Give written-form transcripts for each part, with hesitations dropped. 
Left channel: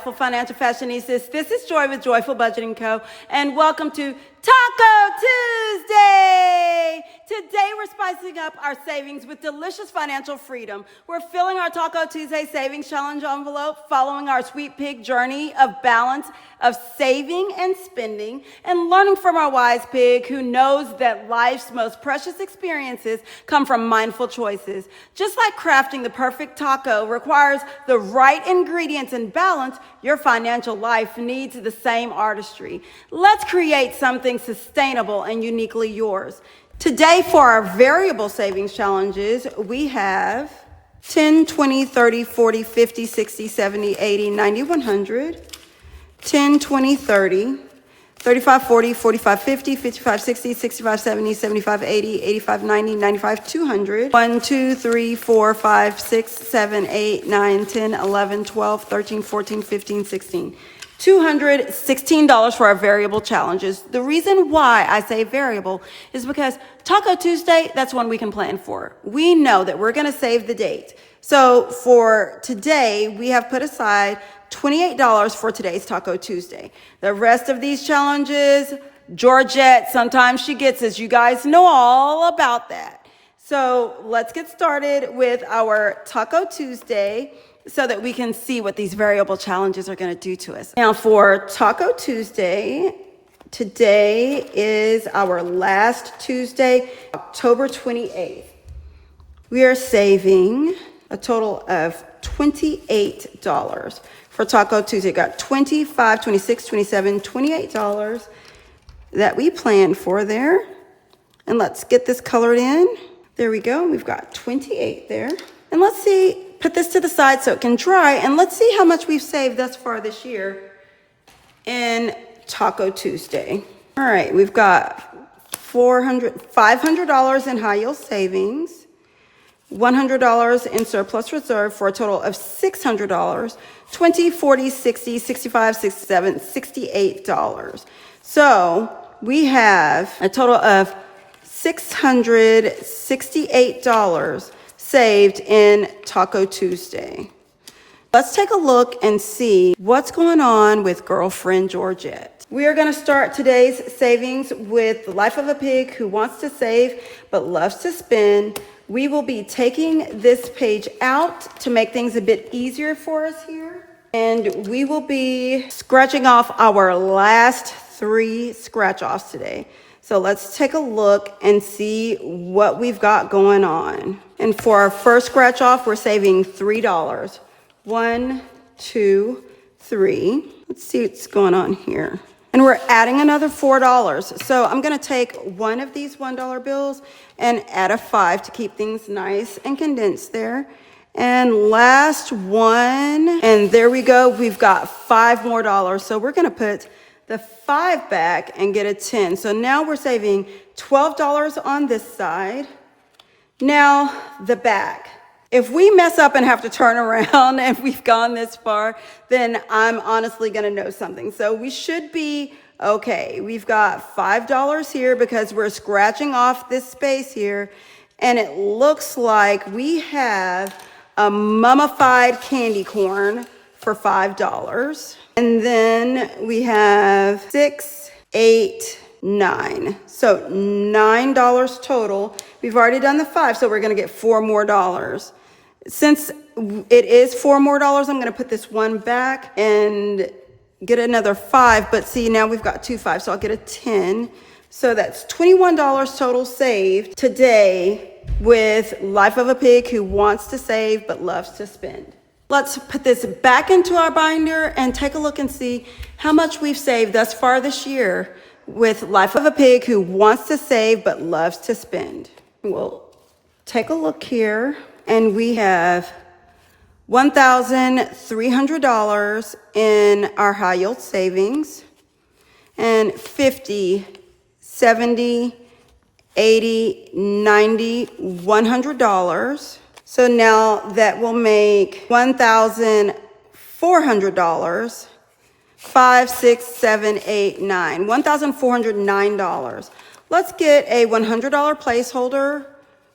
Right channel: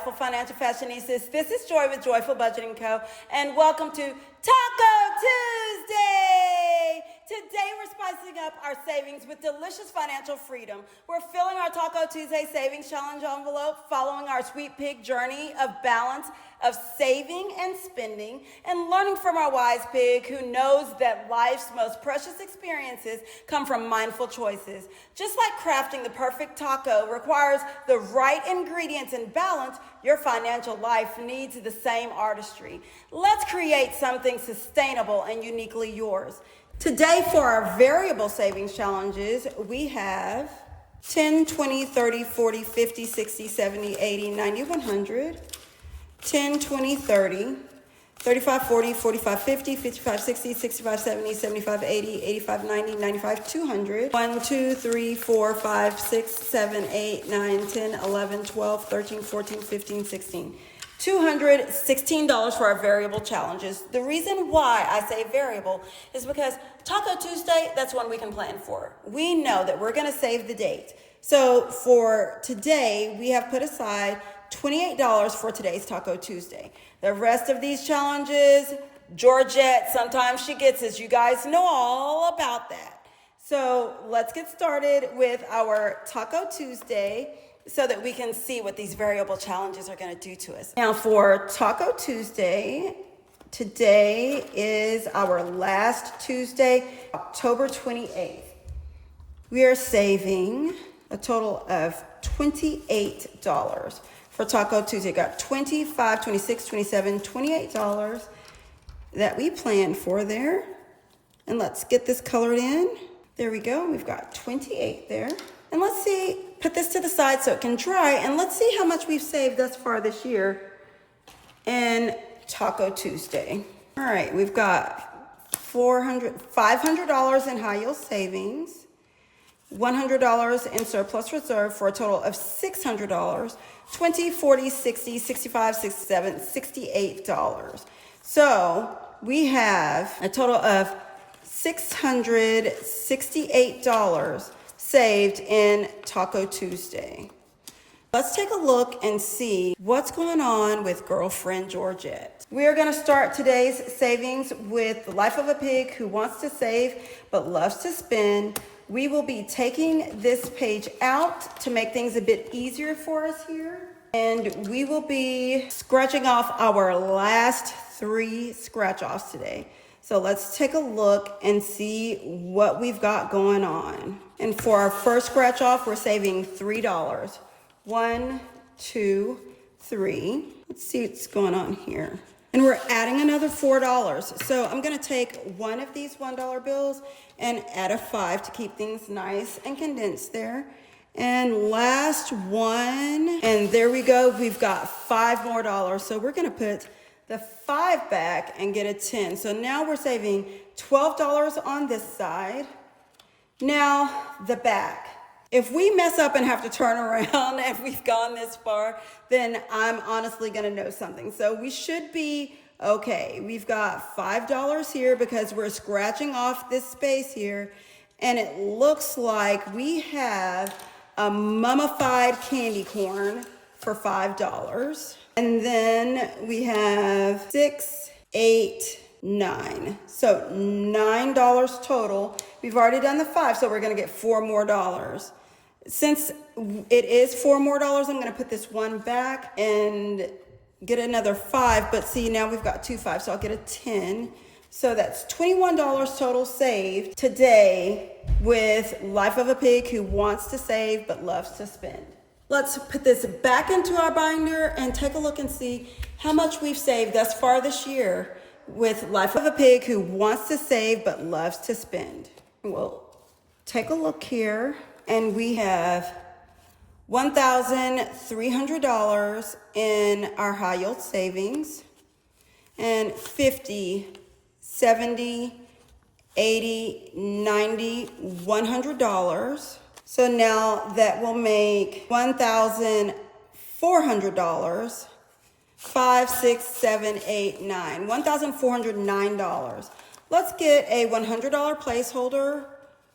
delightful financial fashionistas. This is Joy with Joyful Budgeting Co. And welcome to Taco Tuesday. Today we're spicing up our savings with delicious financial freedom. We're filling our Taco Tuesday Savings Challenge envelope, following our sweet pig journey of balance of saving and spending, and learning from our wise pig who knows that life's most precious experiences come from mindful choices. Just like crafting the perfect taco requires the right ingredients and balance, your financial life needs the same artistry. Let's create something sustainable and uniquely yours. Today, for our variable savings challenges, we have 10, 20, 30, 40, 50, 60, 70, 80, 90, 100, 10, 20, 30, 35, 40, 45, 50, 55, 60, 65, 70, 75, 80, 85, 90, 95, 200, 1, 2, 3, 4, 5, 6, 7, 8, 9, 10, 11, 12, 13, 14, 15, 16. $216 for our variable challenges. The reason why I say variable is because Taco Tuesday, that's one we can plan for. We know that we're gonna save the date. So for today, we have put aside $28 for today's Taco Tuesday. The rest of these challenges, Georgette, sometimes she gets us. You guys know all about that. So let's get started with our Taco Tuesday so that we can see what these variable challenges are going to do to us. Now for Taco Tuesday, today is our last Tuesday, October 28th. We are saving a total of $28 for Taco Tuesday. Got $25, $26, $27, $28 that we planned for there. And let's get this colored in. There we go. We've got 28 there. And let's see, put this to the side so it can dry, and let's see how much we've saved thus far this year in Taco Tuesday. All right, we've got $500 in high yield savings, $100 in surplus reserve for a total of $600, 20, 40, 60, 65, 67, $68. So we have a total of $668 saved in Taco Tuesday. Let's take a look and see what's going on with girlfriend Georgette. We are going to start today's savings with the life of a pig who wants to save but loves to spend. We will be taking this page out to make things a bit easier for us here. And we will be scratching off our last 3 scratch offs today. So let's take a look and see what we've got going on. And for our first scratch off, we're saving $3. 1, 2, 3. Let's see what's going on here. And we're adding another $4. So I'm gonna take one of these $1 bills and add a 5 to keep things nice and condensed there. And last one, and there we go. We've got $5 more. So we're gonna put the 5 back and get a 10. So now we're saving $12 on this side. Now the back. If we mess up and have to turn around and we've gone this far, then I'm honestly gonna know something. So we should be okay. We've got $5 here because we're scratching off this space here. And it looks like we have a mummified candy corn for $5. And then we have 6, 8, 9. So $9 total. We've already done the 5, so we're gonna get $4 more. Since it is $4 more, I'm gonna put this one back and get another 5, but see, now we've got 2 5s, so I'll get a 10. So that's $21 total saved today with Life of a Pig who wants to save but loves to spend. Let's put this back into our binder and take a look and see how much we've saved thus far this year with Life of a Pig who wants to save but loves to spend. We'll take a look here, and we have $1,300 in our high yield savings, and 50, 70, 80, 90, $100. So now that will make $1,400. 5, 6, 7, 8, 9. $1,409. Let's get a $100 placeholder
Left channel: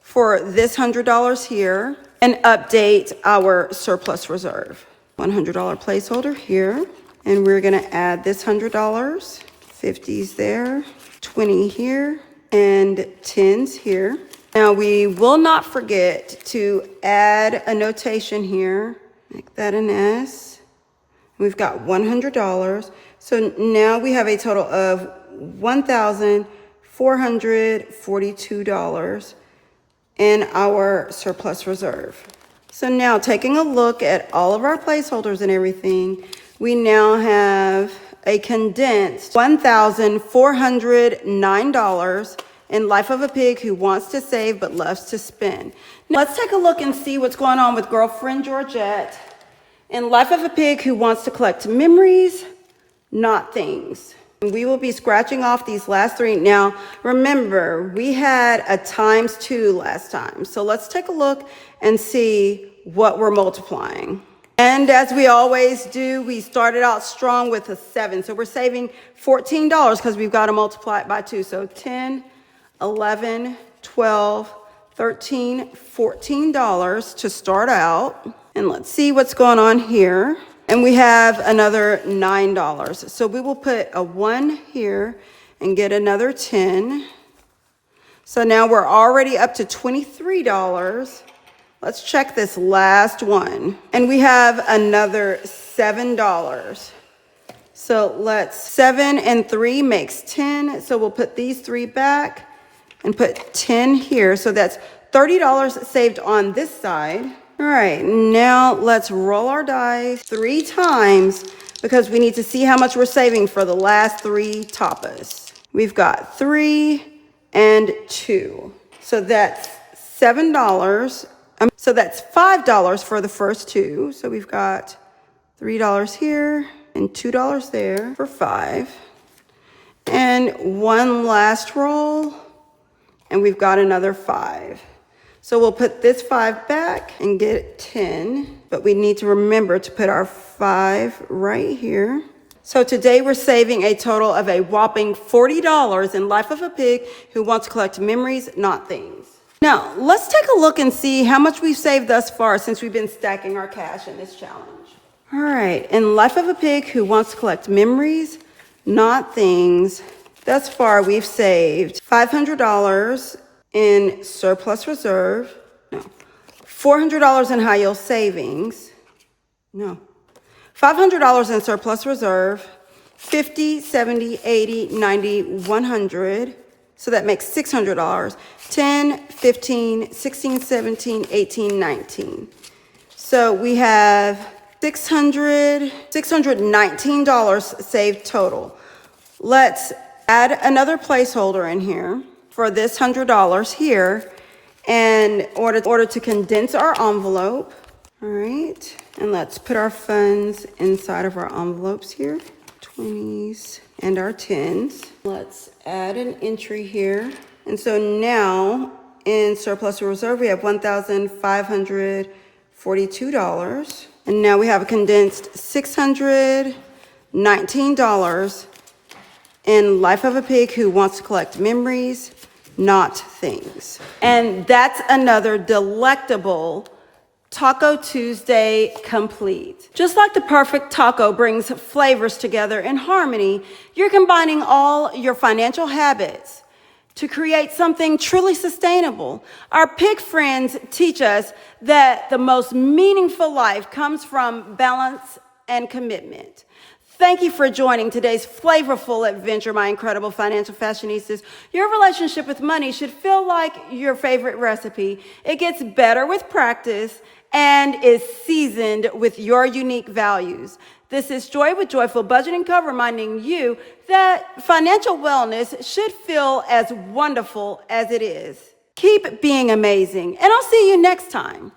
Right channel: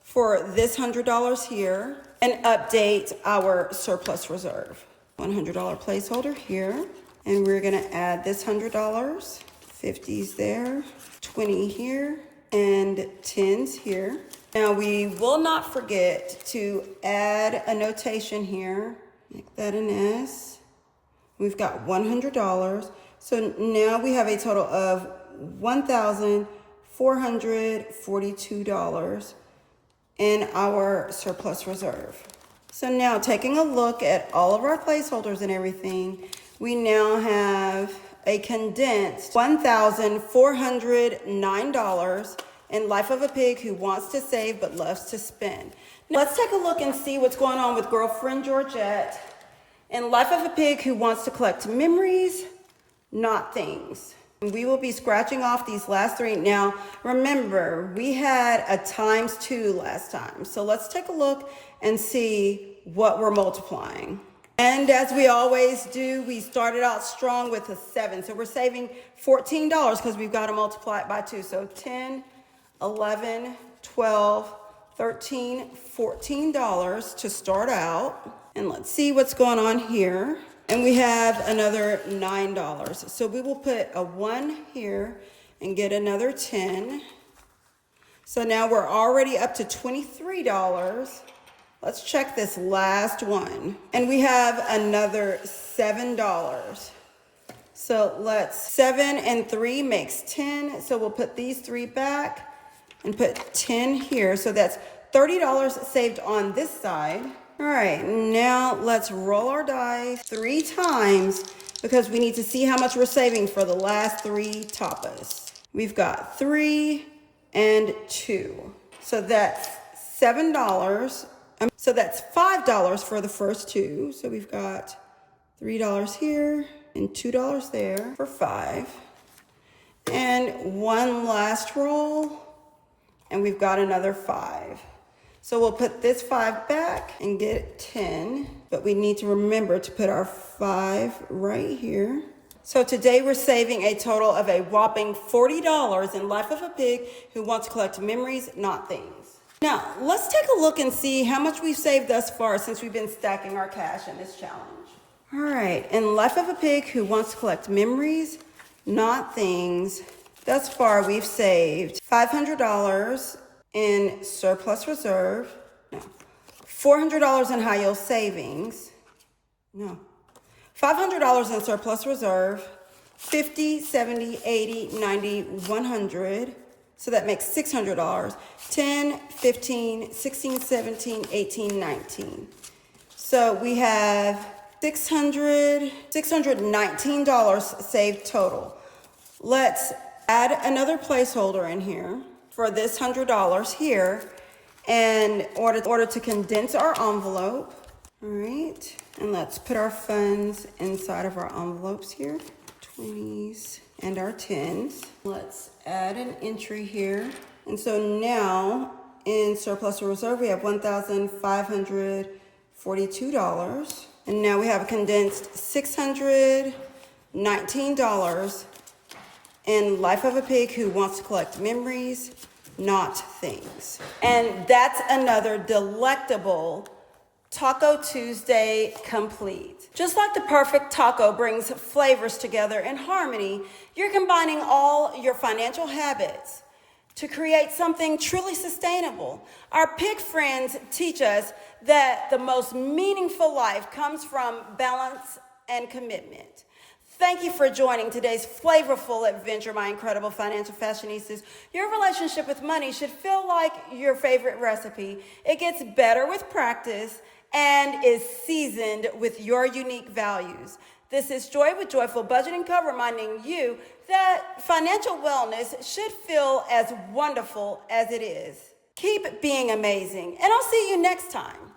for this $100 here and update our surplus reserve. $100 placeholder here. And we're gonna add this $100, 50s there, 20 here, and 10s here. Now we will not forget to add a notation here. Make that an S. We've got $100. So now we have a total of $1,442 in our surplus reserve. So now taking a look at all of our placeholders and everything, we now have a condensed $1,409 in Life of a Pig Who Wants to Save But Loves to Spend. Now let's take a look and see what's going on with girlfriend Georgette in Life of a Pig Who Wants to Collect Memories, Not Things. We will be scratching off these last three. Now, remember, we had a ×2 last time. So let's take a look and see what we're multiplying. And as we always do, we started out strong with a 7. So we're saving $14 because we've got to multiply it by 2. So 10, 11, 12, 13, $14 to start out. And let's see what's going on here. And we have another $9. So we will put a 1 here and get another 10. So now we're already up to $23. Let's check this last one. And we have another $7. So 7 and 3 makes 10. So we'll put these 3 back and put 10 here. So that's $30 saved on this side. All right, now let's roll our dice 3 times because we need to see how much we're saving for the last 3 tapas. We've got 3 and 2. So that's $7. So that's $5 for the first 2. So we've got $3 here and $2 there for 5. And one last roll, and we've got another 5. So we'll put this 5 back and get 10, but we need to remember to put our 5 right here. So today we're saving a total of a whopping $40 in Life of a Pig Who Wants to Collect Memories, Not Things. Now, let's take a look and see how much we've saved thus far since we've been stacking our cash in this challenge. All right, in Life of a Pig Who Wants to Collect Memories, Not Things, thus far we've saved $500 in surplus reserve, no, $400 in high yield savings, no, $500 in surplus reserve, 50, 70, 80, 90, 100, so that makes $600, 10, 15, 16, 17, 18, 19. So we have $619 saved total. Let's add another placeholder in here for this $100 here in order to condense our envelope. All right, and let's put our funds inside of our envelopes here, 20s and our 10s. Let's add an entry here. And so now in surplus reserve, we have $1,542. And now we have a condensed $619 in Life of a Pig Who Wants to Collect Memories, Not Things. And that's another delectable Taco Tuesday complete. Just like the perfect taco brings flavors together in harmony, you're combining all your financial habits to create something truly sustainable. Our pig friends teach us that the most meaningful life comes from balance and commitment. Thank you for joining today's flavorful adventure, my incredible financial fashionistas. Your relationship with money should feel like your favorite recipe. It gets better with practice and is seasoned with your unique values. This is Joy with Joyful Budgeting Co, reminding you that financial wellness should feel as wonderful as it is. Keep being amazing, and I'll see you next time.